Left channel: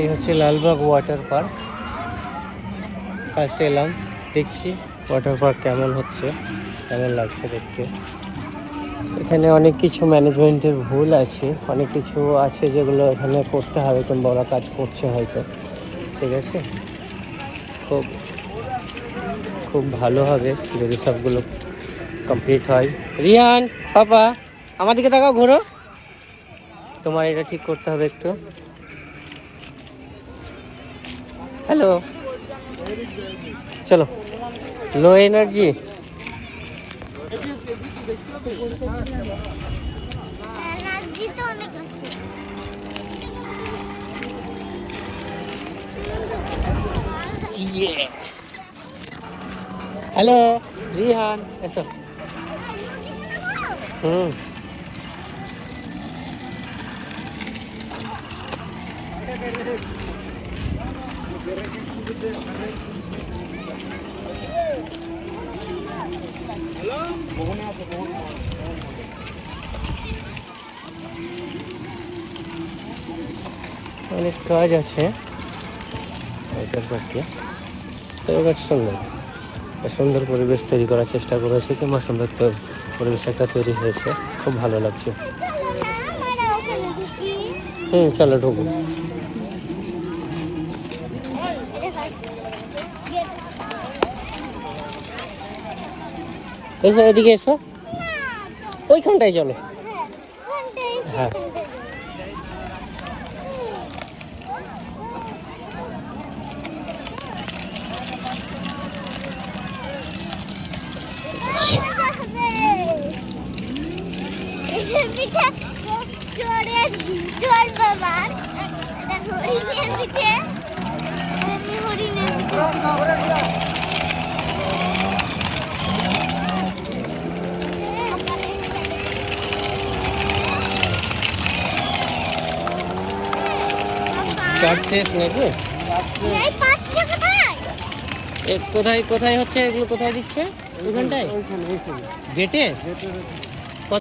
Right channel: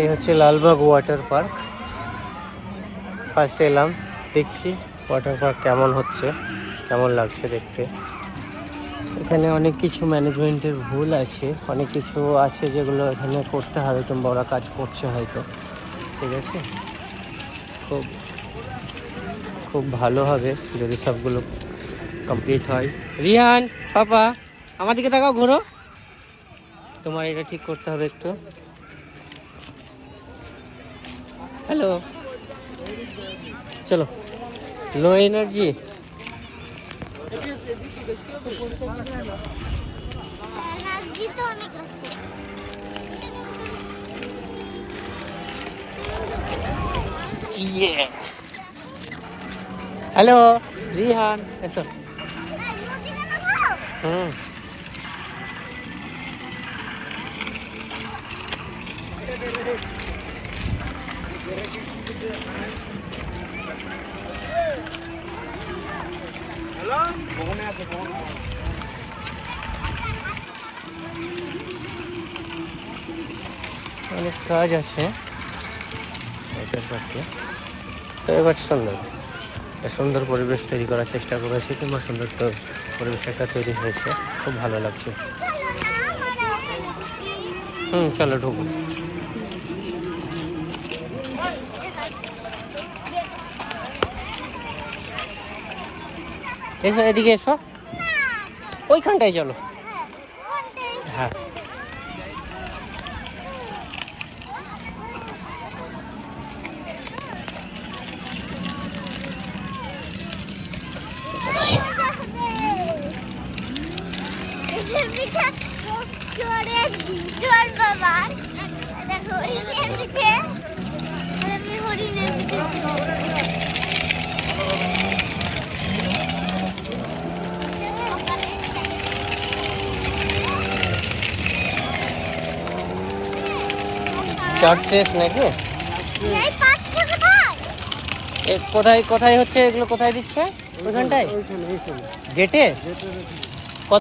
এই হচ্ছে Lalbagh water park. ফার্স্টে এলাম, দেখছি ওয়াটার পার্ক কেমন হচ্ছে, কেমন লাগছে দেখতে। এখানে অনেক কিছু ম্যানেজমেন্টের ভুল আছে, অনেক কিছু আছে যেগুলো এখানে করতে হবে, কিংবা ওরা কাজ করছে হয়তো। ঠিক আছে, খুব খুব ভালো হবে যদি সবগুলো কমপ্লিট হয়। রিয়ান পাপা আমার দিকে তাকাও, ঘোরো। তোমার এটা ঠিক করতে হবে একটু। হ্যালো, চলো। Low energy. হ্যালো রিহান, এসো। হুম, অনেক কাজ আছে ওয়াটার পার্কে। তো এবার সুন্দর সুন্দর পরিবেশ তৈরি করার চেষ্টা করেছে, কিংবা সুন্দর পরিবেশ একটা তৈরি হয়েছে, খুব ভালো লাগছে। চলো ঢুকুন। এসো, এদিকে এসো, ওইখানটায় চলো। হ্যাঁ, চার্জ শেষ নাকি? কোথায় কোথায় হচ্ছে এগুলো, কোথায় দিচ্ছে? ওইখানটায় গেটে।